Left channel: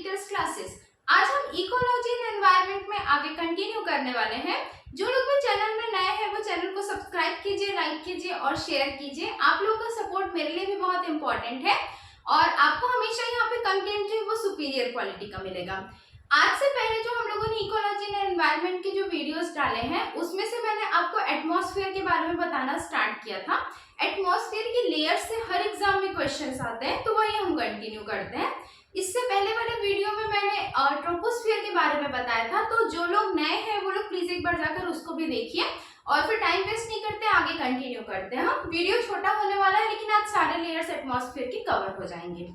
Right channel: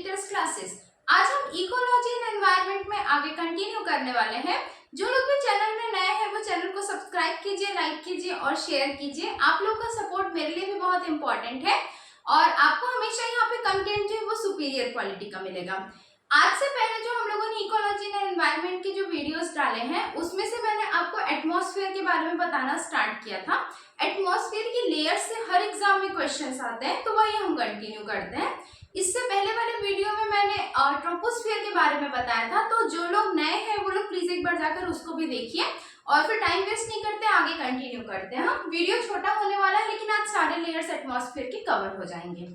Teachers classes. आज हम ecology and environment में आगे कंटिन्यू करने वाले हैं। जो लोग भी चैनल में नए हैं वो चैनल को सब्सक्राइब कीजिए, लाइक कीजिए और शेयर कीजिए। आप लोगों का सपोर्ट मेरे लिए भी बहुत इंपॉर्टेंट है और आपको हमेशा यहाँ पे कंटेंट है वो सुपीरियर क्वालिटी का मिलेगा। आज से पहले जो हम लोगों ने इकोलॉजी एंड एनवायरनमेंट के जो वीडियोस डाले हैं उसमें से मैंने आपको एटमॉस्फेयर के बारे में बताना स्टार्ट किया था। एटमॉस्फेयर की लेयर से हर एग्जाम में क्वेश्चंस आते हैं, तो वही हम कंटिन्यू करते हैं। इससे पहले वाले वीडियो में मैंने ट्रोपोस्फियर के बारे में बताया था, तो जो लोग नए हैं वो लोग प्लीज एक बार जाकर उसको भी देखिए और फिर टाइम वेस्ट नहीं करते, आगे कंटिन्यू करते हैं। हम वीडियो छोटा होने वाला है लेकिन आज सारे लेयर्स एटमॉस्फेयर के कवर हो जाएंगे।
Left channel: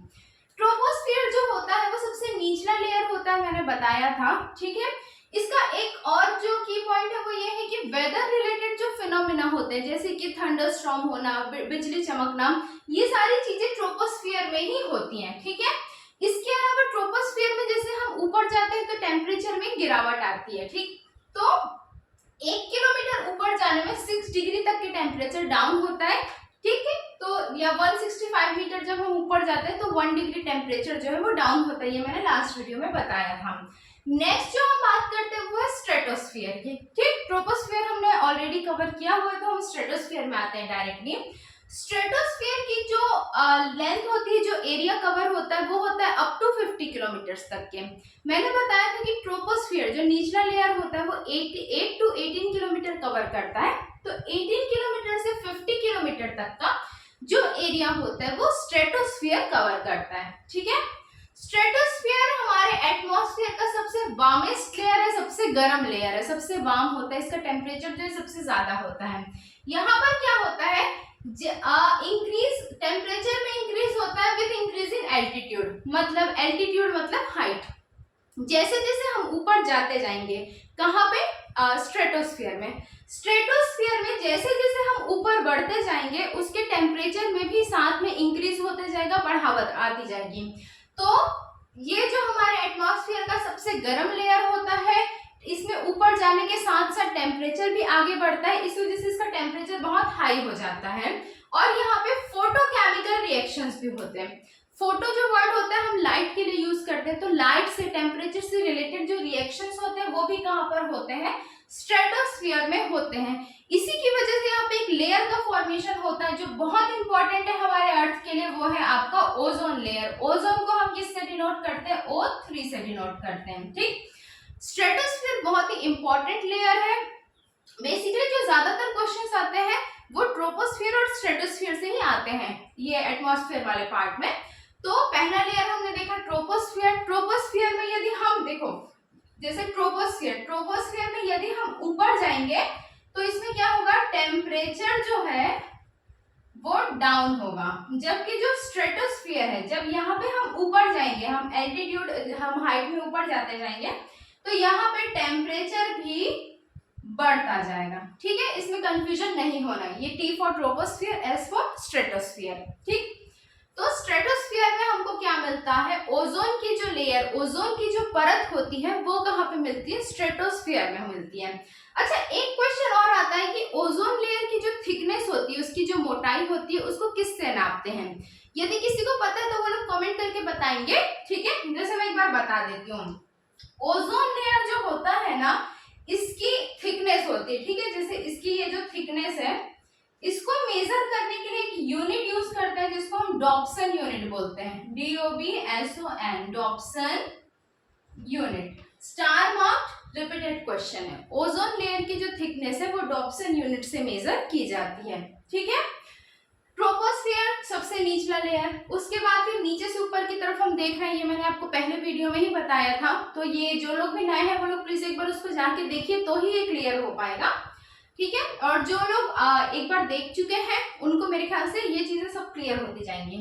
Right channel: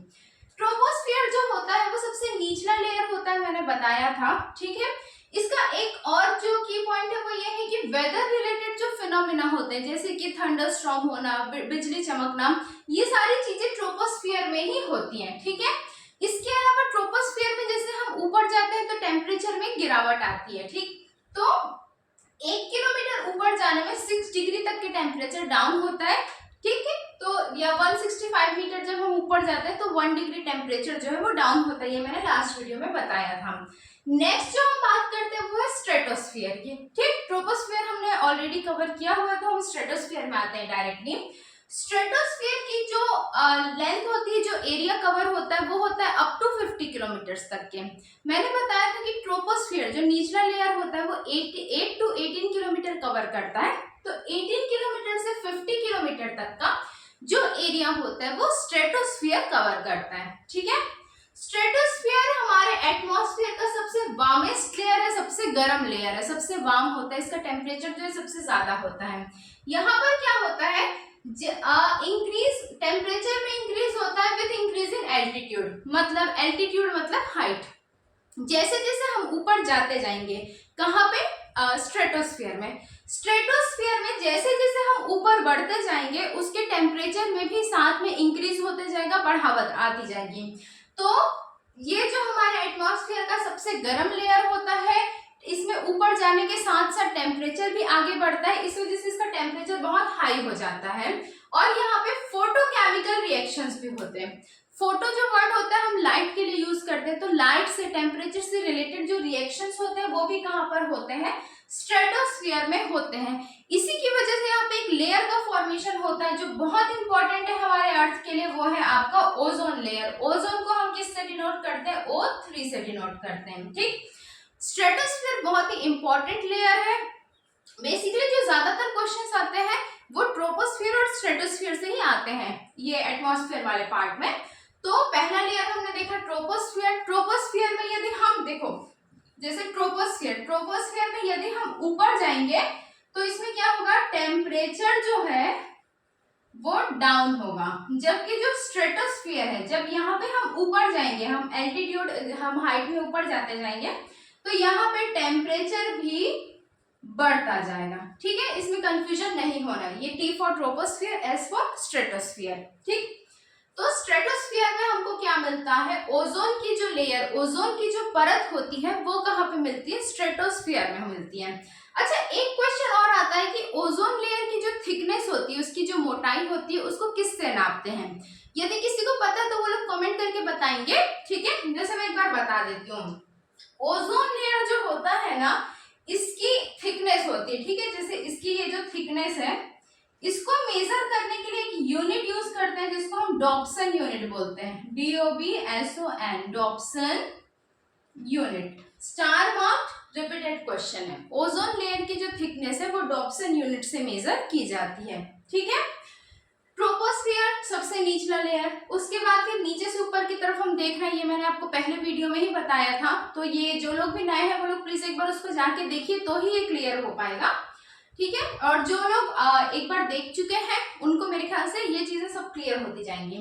ट्रोपोस्फियर जो होता है वो सबसे निचला लेयर होता है, मैंने बताया था, ठीक है। इसका एक और जो की पॉइंट है वो ये है कि वेदर रिलेटेड जो फिनोमिना होते हैं जैसे कि थंडरस्टॉर्म होना, बिजली चमकना, ये सारी चीजें ट्रोपोस्फियर में ही होती हैं, ठीक है। इसके अलावा ट्रोपोस्फियर में जैसे हम ऊपर जाते हैं तो टेम्परेचर में गिरावट आती है, ठीक। तो 1 किलोमीटर ऊपर जाने में 6 डिग्री तक के टेम्परेचर डाउन होता है, ठीक है। तो या 165 मीटर जब हम ऊपर जाते हैं तो 1 डिग्री टेम्परेचर जो है वो डाउन होता है, ये मैंने लास्ट वीडियो में बताया था। नेक्स्ट जो हम बात करते हैं वो है स्ट्रेटोस्फियर की, ठीक। ट्रोपोस्फियर हमने ऑलरेडी कवर किया हुआ है, तो हम स्ट्रेटोस्फियर में आते हैं डायरेक्टली। स्ट्रेटोस्फियर की जो लेंथ होती है, जो एरिया कवर होता है वो होता है अप टू 50 किलोमीटर्स तक के। मैंने बताया था कि ट्रोपोस्फियर जो निचला लेयर होता है वो 8 टू 18 किलोमीटर कवर करता है, तो 18 किलोमीटर से 50 किलोमीटर तक का जो एरिया होता है वो स्ट्रेटोस्फियर कवर करता है, ठीक है। स्ट्रेटोस्फियर हमारे एटमॉस्फेयर का सबसे वार्मेस्ट लेयर है, सबसे गर्म लेयर है, सबसे वार्म होता है, इसका टेम्परेचर जो है सबसे ज्यादा होता है। यहाँ पर क्या होता है, इंक्रीज टेम्परेचर में इंक्रीज होता है विद इंक्रीज इन एल्टीट्यूड, मतलब एल्टीट्यूड मतलब हाइट। जैसे जैसे हम ऊपर जाते जाएंगे, कहाँ पे, स्ट्रेटोस्फियर में। स्ट्रेटोस्फियर में जैसे जैसे हम ऊपर बढ़ते जाएंगे उसके टेम्परेचर में भी साथ में इंक्रीज होते जाएगा, बढ़ावत आती जाएगी। तो ये जो हमारे एटमॉस्फेयर का सबसे गर्म लेयर होता है, इसमें ऊपर जाने के साथ साथ टेम्परेचर भी आगे बढ़ता है, इस वजह से इसका टेम्परेचर बहुत हाई हो जाता है। और यहाँ पे फोटोकेमिकल रिएक्शंस भी होते हैं। फोटो जो वर्ड होता है हम लाइट के लिए यूज करते हैं, तो लाइट से, टेम्परेचर से रिलेटेड जो रिएक्शंस होते हैं वो भी कहाँ पर होते हैं, स्ट्रेटोस्फियर में होते हैं। इसी की वजह से यहाँ पे एक लेयर का फॉर्मेशन होता है जो बहुत इंपॉर्टेंट है हमारे अर्थ के लिए, वो है आपका ओजोन लेयर। ओजोन को हम किससे डिनोट करते हैं, O3 से डिनोट करते हैं, ठीक। स्ट्रेटोस्फियर बहुत ही इंपॉर्टेंट लेयर है। बेसिकली जो ज्यादातर क्वेश्चंस आते हैं वो ट्रोपोस्फियर और स्ट्रेटोस्फियर से ही आते हैं, ये एटमॉस्फेयर वाले पार्ट में। तो पहला लेयर हमने देखा ट्रोपोस्फियर। ट्रोपोस्फियर में यदि हम देखो, जैसे ट्रोपोस्फियर में यदि हम ऊपर जाएंगे तो इसमें क्या होगा, टेम्परेचर जो है वो डाउन होगा, जबकि जो स्ट्रेटोस्फियर है, जब यहाँ पे हम ऊपर जाएंगे, हम एल्टीट्यूड, हम हाइट में ऊपर जाते जाएंगे तो यहाँ पे टेम्परेचर भी बढ़ता जाएगा, ठीक है। इसमें कंफ्यूजन नहीं होना, ये T for troposphere, S for stratosphere, ठीक। तो स्ट्रेटोस्फियर में हमको क्या मिलता है, ओजोन की जो लेयर, ओजोन की जो परत होती है वो कहाँ पे मिलती है, स्ट्रेटोस्फियर में मिलती है। अच्छा, एक क्वेश्चन और आता है कि ओजोन लेयर की जो थिकनेस होती है, उसकी जो मोटाई होती है, उसको किससे नापते हैं। यदि किसी को पता है तो वो लोग कमेंट करके बताएंगे, ठीक है। जैसे मैं एक बार बता देती हूँ, ओजोन लेयर जो होता है ना, इसकी थिकनेस होती है, ठीक है। जैसे इसकी ये जो थिकनेस है, इसको मेजर करने के लिए एक यूनिट यूज करते हैं जिसको हम डॉप्सन यूनिट बोलते हैं, DOBSON, Dobson unit. Star marked repeated question है। ओजोन लेयर की जो थिकनेस है वो डॉप्सन यूनिट से मेजर की जाती है, ठीक है। ट्रोपोस्फियर सबसे निचला लेयर, उसके बाद फिर नीचे से ऊपर की तरफ हम देख रहे हैं, ये मैंने आपको पहले वीडियो में ही बताया था, तो ये जो लोग भी नए हैं वो लोग प्लीज एक बार उसको जाके देखिए तो ही ये क्लियर हो पाएगा, ठीक है। और जो लोग एक बार देख चुके हैं उनको मेरे ख्याल से ये चीजें सब क्लियर होती जाएंगी।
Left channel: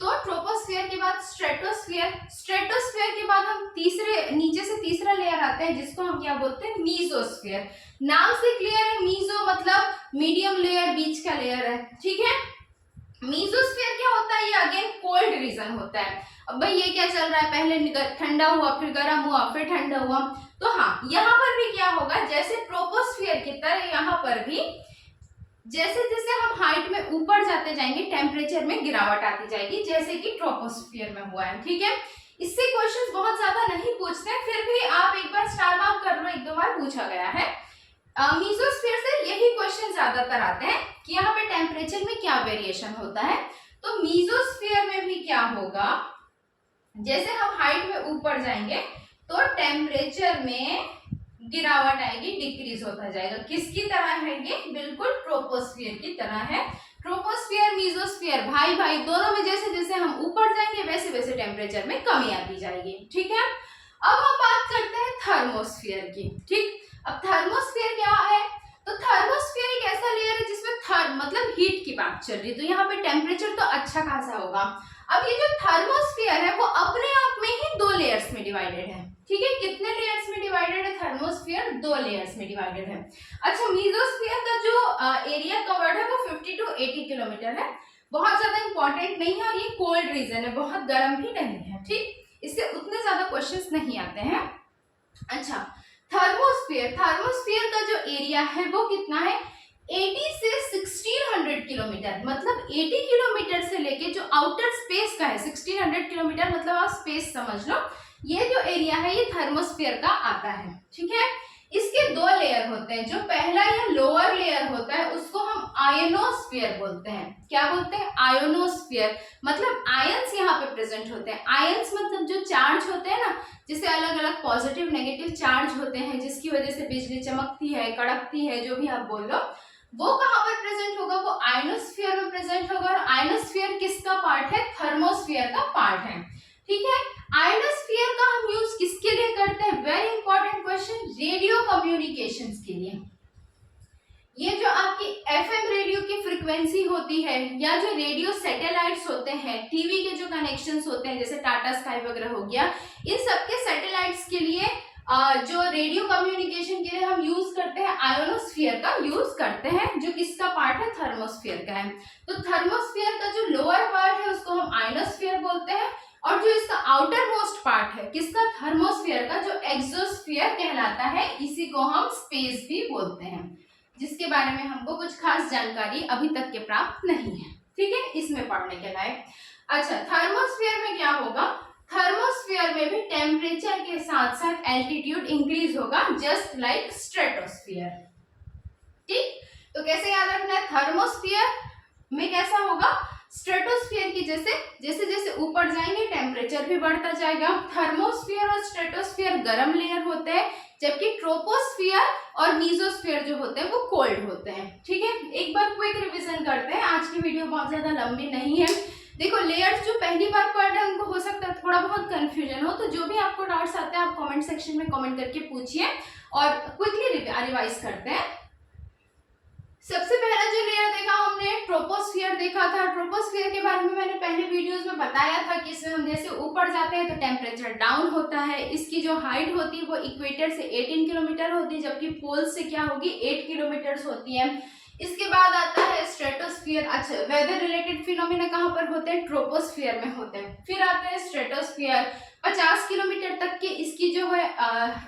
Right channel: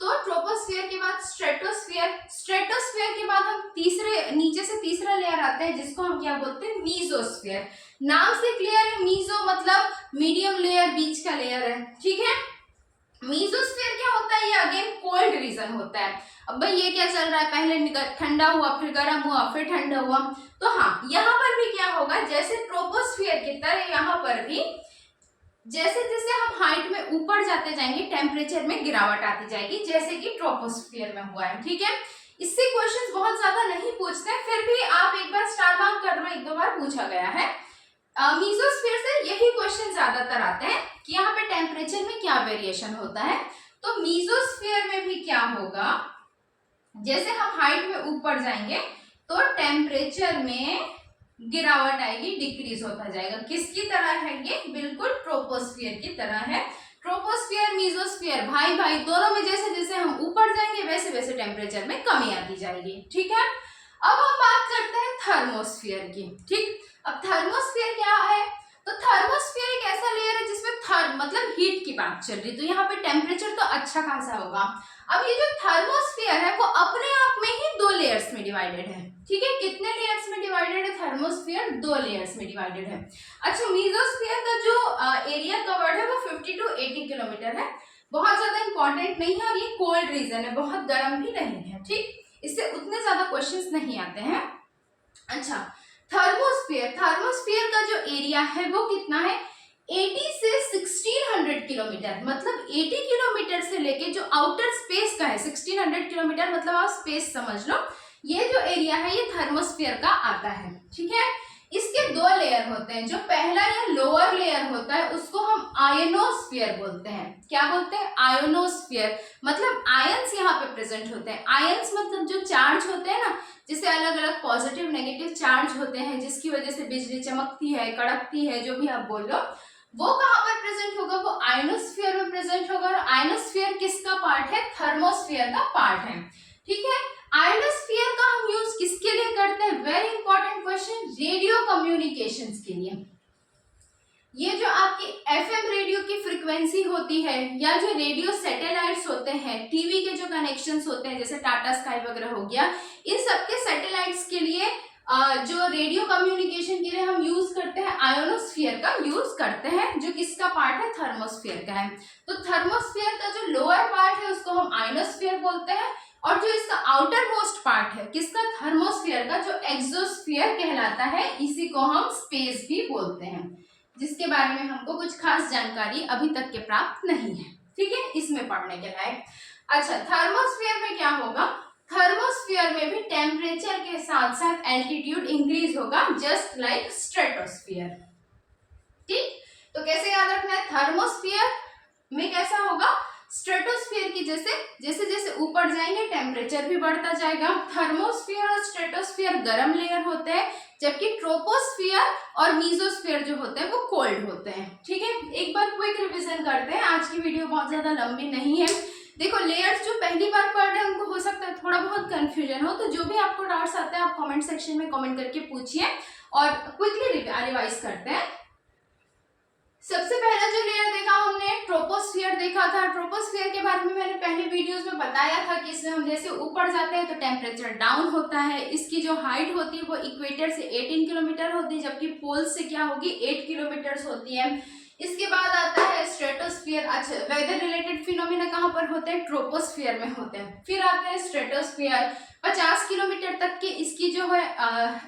तो ट्रोपोस्फियर के बाद स्ट्रेटोस्फियर, स्ट्रेटोस्फियर के बाद हम नीचे से तीसरा लेयर आता है जिसको हम क्या बोलते हैं, मीजोस्फियर। नाम से क्लियर है, मीजो मतलब मीडियम लेयर, बीच का लेयर है, ठीक है। मीजोस्फियर क्या होता है, ये अगेन कोल्ड रीजन होता है। अब भाई ये क्या चल रहा है, पहले ठंडा हुआ, फिर गर्म हुआ, फिर ठंडा हुआ, तो हाँ यहाँ पर भी क्या होगा, जैसे ट्रोपोस्फियर की तरह यहाँ पर भी जैसे जैसे हम हाइट में ऊपर जाते जाएंगे टेम्परेचर में गिरावट आती जाएगी, जैसे कि ट्रोपोस्फियर में हुआ है, ठीक है। इससे क्वेश्चंस बहुत ज्यादा नहीं पूछते हैं, फिर भी आप एक बार स्टार मार्क कर लो, एक दो बार पूछा गया है। मीसोस्फीयर से यही क्वेश्चन ज्यादातर आते हैं कि यहाँ पे टेम्परेचर में क्या वेरिएशन होता है। तो मीसोस्फीयर में भी क्या होगा, जैसे हम हाइट में ऊपर जाएंगे तो टेम्परेचर में गिरावट आएगी, डिक्रीज होता जाएगा। किसकी तरह है ये, बिल्कुल ट्रोपोस्फियर की तरह है। ट्रोपोस्फियर मीसोस्फियर भाई भाई दोनों में जैसे जैसे हम ऊपर जाएंगे वैसे वैसे टेम्परेचर में कमी आती जाएगी, ठीक है। अब हम बात करते हैं थर्मोस्फियर की, ठीक। अब थर्मोस्फियर क्या है, तो थर्मोस्फियर एक ऐसा लेयर है जिसमें मतलब हीट की बात चल रही, तो यहाँ पे टेम्परेचर तो अच्छा खासा होगा। अब ये जो थर्मोस्फियर है वो अपने आप में ही दो लेयर्स में डिवाइडेड है, ठीक है। कितने लेयर्स में डिवाइडेड है थर्मोस्फियर, दो लेयर्स में डिवाइडेड है। अच्छा, मीसोस्फियर का जो एरिया कवर्ड है वो 50 to 80 किलोमीटर है, बहुत ज्यादा इंपॉर्टेंट नहीं है और ये कोल्ड रीजन है, बहुत गर्म भी नहीं है, ठीक। इससे उतने ज्यादा क्वेश्चंस नहीं आते हैं। अच्छा, थर्मोस्फियर का जो एरिया है वो कितना है, 80 से 1600 किलोमीटर, मतलब 80 किलोमीटर से लेके जो आउटर स्पेस का है 1600 किलोमीटर, मतलब आप स्पेस समझ लो, ये जो एरिया है ये थर्मोस्फियर का आता है, ठीक है। इसके दो लेयर होते हैं, जो पहला या लोअर लेयर होता है उसको हम आयोनोस्फीयर बोलते हैं। क्या बोलते हैं, आयोनोस्फीयर, मतलब आयंस यहाँ पे प्रेजेंट होते हैं। आयंस मतलब जो चार्ज होते हैं ना, जिसे अलग अलग पॉजिटिव नेगेटिव चार्ज होते हैं, जिसकी वजह से बिजली चमकती है, कड़कती है, जो भी आप बोल लो, वो कहाँ पर प्रेजेंट होगा, वो आयोनोस्फीयर में प्रेजेंट होगा। और आयोनोस्फीयर किसका पार्ट है, थर्मोस्फीयर का पार्ट है, ठीक है। आयोनोस्फीयर का हम यूज किसके लिए करते हैं, very important question, radio communications के लिए। ये जो आपकी एफएम रेडियो की फ्रीक्वेंसी होती है, या जो रेडियो सैटेलाइट्स होते हैं, टीवी के जो कनेक्शंस होते हैं जैसे टाटा स्काई वगैरह हो गया, इन सबके सैटेलाइट्स के लिए जो रेडियो कम्युनिकेशन के लिए हम यूज करते हैं आयोनोस्फीयर का यूज करते हैं, जो किसका पार्ट है, थर्मोस्फीयर का है। तो थर्मोस्फीयर का जो लोअर पार्ट है उसको हम आयोनोस्फीयर बोलते हैं, और जो इसका आउटर मोस्ट पार्ट है किसका, थर्मोस्फीयर का, जो एक्सोस्फीयर कहलाता है, इसी को हम स्पेस भी बोलते हैं, जिसके बारे में हमको कुछ खास जानकारी अभी तक के प्राप्त नहीं है, ठीक है, इसमें पढ़ने के लायक। अच्छा, थर्मोस्फीयर में क्या होगा, थर्मोस्फीयर में भी टेम्परेचर के साथ साथ एल्टीट्यूड इंक्रीज होगा, जस्ट लाइक स्ट्रेटोस्फीयर, ठीक। तो कैसे याद रखना है, थर्मोस्फीयर में कैसा होगा, स्ट्रेटोस्फीयर की जैसे जैसे जैसे ऊपर जाएंगे टेम्परेचर भी बढ़ता जाएगा। थर्मोस्फीयर और स्ट्रेटोस्फीयर गर्म लेयर होते हैं, जबकि ट्रोपोस्फीयर और मीसोस्फीयर जो होते हैं वो कोल्ड होते हैं, ठीक है। एक बार क्विक रिवीजन करते हैं, आज की वीडियो बहुत ज्यादा लंबी नहीं है। देखो, लेयर्स जो पहली बार पढ़ रहे हैं उनको हो सकता है थोड़ा बहुत कंफ्यूजन हो, तो जो भी आपको डाउट्स आते हैं आप कमेंट सेक्शन में कमेंट करके पूछिए और क्विकली रिवाइज करते हैं। सबसे पहला जो लेयर देखा हमने ट्रोपोस्फीयर देखा था। ट्रोपोस्फीयर के बारे में मैंने पहले वीडियोस में बताया था कि इसमें हम जैसे ऊपर जाते हैं तो टेम्परेचर डाउन होता है। इसकी जो हाइट होती है वो इक्वेटर से 18 किलोमीटर होती है, जबकि पोल से क्या होगी 8 किलोमीटर होती है। इसके बाद आता है स्ट्रेटोस्फीयर। अच्छा, वेदर रिलेटेड फिनोमिना कहाँ पर होते हैं, ट्रोपोस्फीयर में होते हैं। फिर आते हैं स्ट्रेटोस्फीयर, 50 किलोमीटर तक के इसकी जो है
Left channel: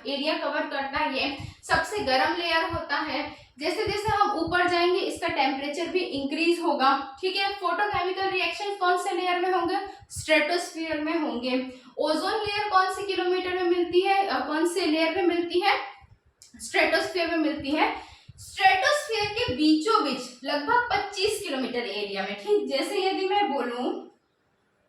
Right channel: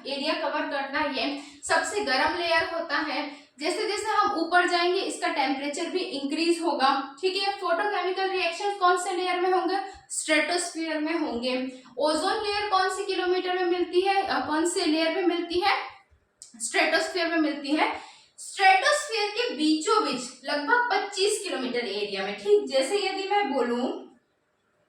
एरिया कवर करना, ये सबसे गर्म लेयर होता है। जैसे जैसे हम ऊपर जाएंगे इसका टेम्परेचर भी इंक्रीज होगा, ठीक है। फोटोकेमिकल रिएक्शन कौन से लेयर में होंगे, स्ट्रेटोस्फीयर में होंगे। ओजोन लेयर कौन से किलोमीटर में मिलती है, कौन से लेयर में मिलती है, स्ट्रेटोस्फीयर में मिलती है। स्ट्रेटोस्फीयर के बीचों बीच लगभग 25 किलोमीटर एरिया में, ठीक। जैसे यदि मैं बोलूं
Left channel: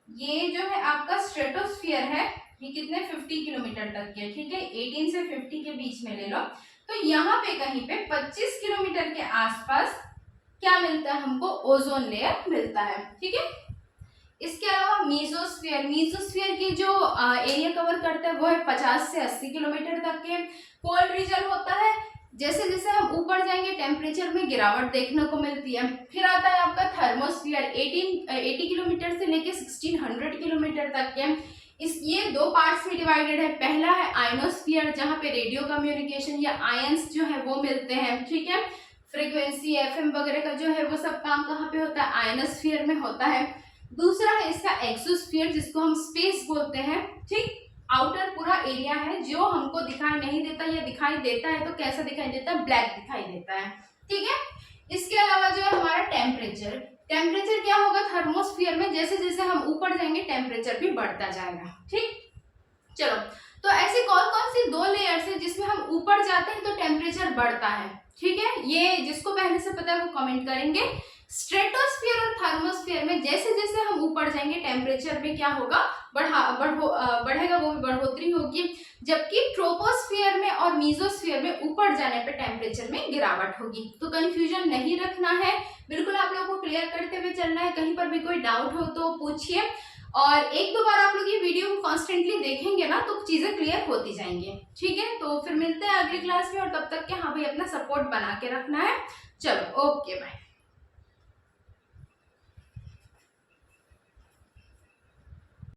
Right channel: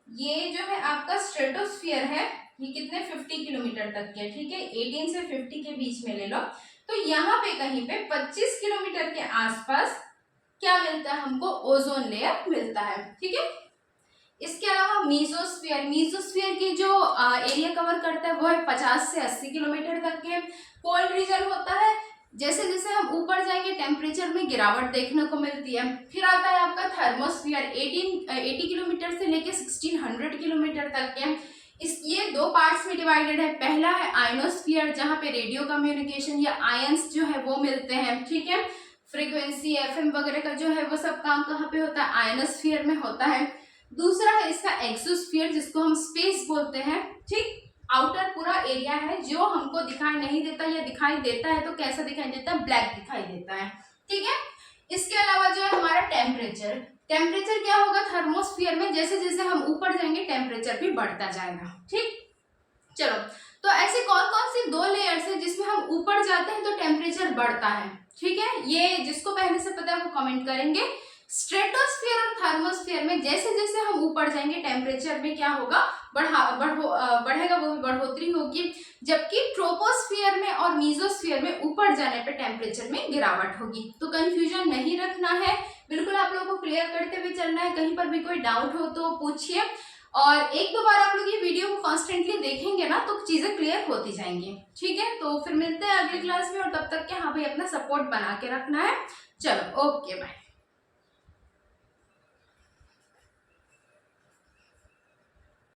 ये जो है आपका स्ट्रेटोस्फीयर है, ये कितने 50 किलोमीटर तक के, ठीक है, 18 से 50 के बीच में ले लो, तो यहाँ पे कहीं पे 25 किलोमीटर के आसपास क्या मिलता है हमको, ओजोन लेयर मिलता है, ठीक है। इसके अलावा मीसोस्फीयर, मीसोस्फीयर की जो एरिया कवर करता है वो है 50 से 80 किलोमीटर तक के, कोल्ड रीजन होता है। जैसे जैसे हम ऊपर जाएंगे टेम्परेचर में गिरावट देखने को मिलती है। फिर आता है आपका थर्मोस्फीयर, 80 किलोमीटर से लेके 1600 किलोमीटर तक के। ये दो पार्ट्स में डिवाइडेड है। पहला है आयोनोस्फीयर, जहाँ पे रेडियो कम्युनिकेशन या आयंस जो है वो मिलते हैं, ठीक है। फ्रीक्वेंसी एफएम वगैरह का जो है वो सब काम कहाँ पे होता है, आयोनोस्फीयर में होता है। दूसरा है इसका एक्सोस्फीयर, जिसको हम स्पेस बोलते हैं, ठीक। आउटर पूरा एरिया है जो हमको दिखाई नहीं देता, या दिखाई देता है तो कैसा दिखाई देता है, ब्लैक दिखाई देता है, ठीक है। इसके अलावा जो है हमारा टेम्परेचर, टेम्परेचर क्या होगा थर्मोस्फीयर में, जैसे जैसे हम ऊपर जाएंगे टेम्परेचर भी बढ़ता जाएगा, ठीक। चलो, तो ऐसे कौन कौन सी 2 लेयर्स है जिसमें हम ऊपर जाते हैं तो टेम्परेचर बढ़ता है, ठीक है। ये जिसको पहले से पता है वो कमेंट करेंगे। स्ट्रेटोस्फीयर और थर्मोस्फीयर में जैसे जैसे हम ऊपर जाएंगे टेम्परेचर में क्या होगा, बढ़ेगा, वो भी बढ़ोतरी होगी। जबकि ट्रोपोस्फीयर में और मीजोस्फीयर में ऊपर जाने पे टेम्परेचर में गिरावट होगी। तो कंफ्यूजन नहीं रखना है, बिल्कुल आप लोगों को क्लियर करते हुए चलना है। कहीं पर भी कोई डाउट हो तो पूछिए, और एक दो बार आप लोग ये वीडियो को कॉन्स्टेंटली देखेंगे ना तो चीजें क्लियर होती जाएंगी, ठीक है। तो फिर मिलते हैं अगली क्लास में, और तब तक के हाँ भाई अपना सपोर्ट बना के रखना है। चलो, ओके, बाय।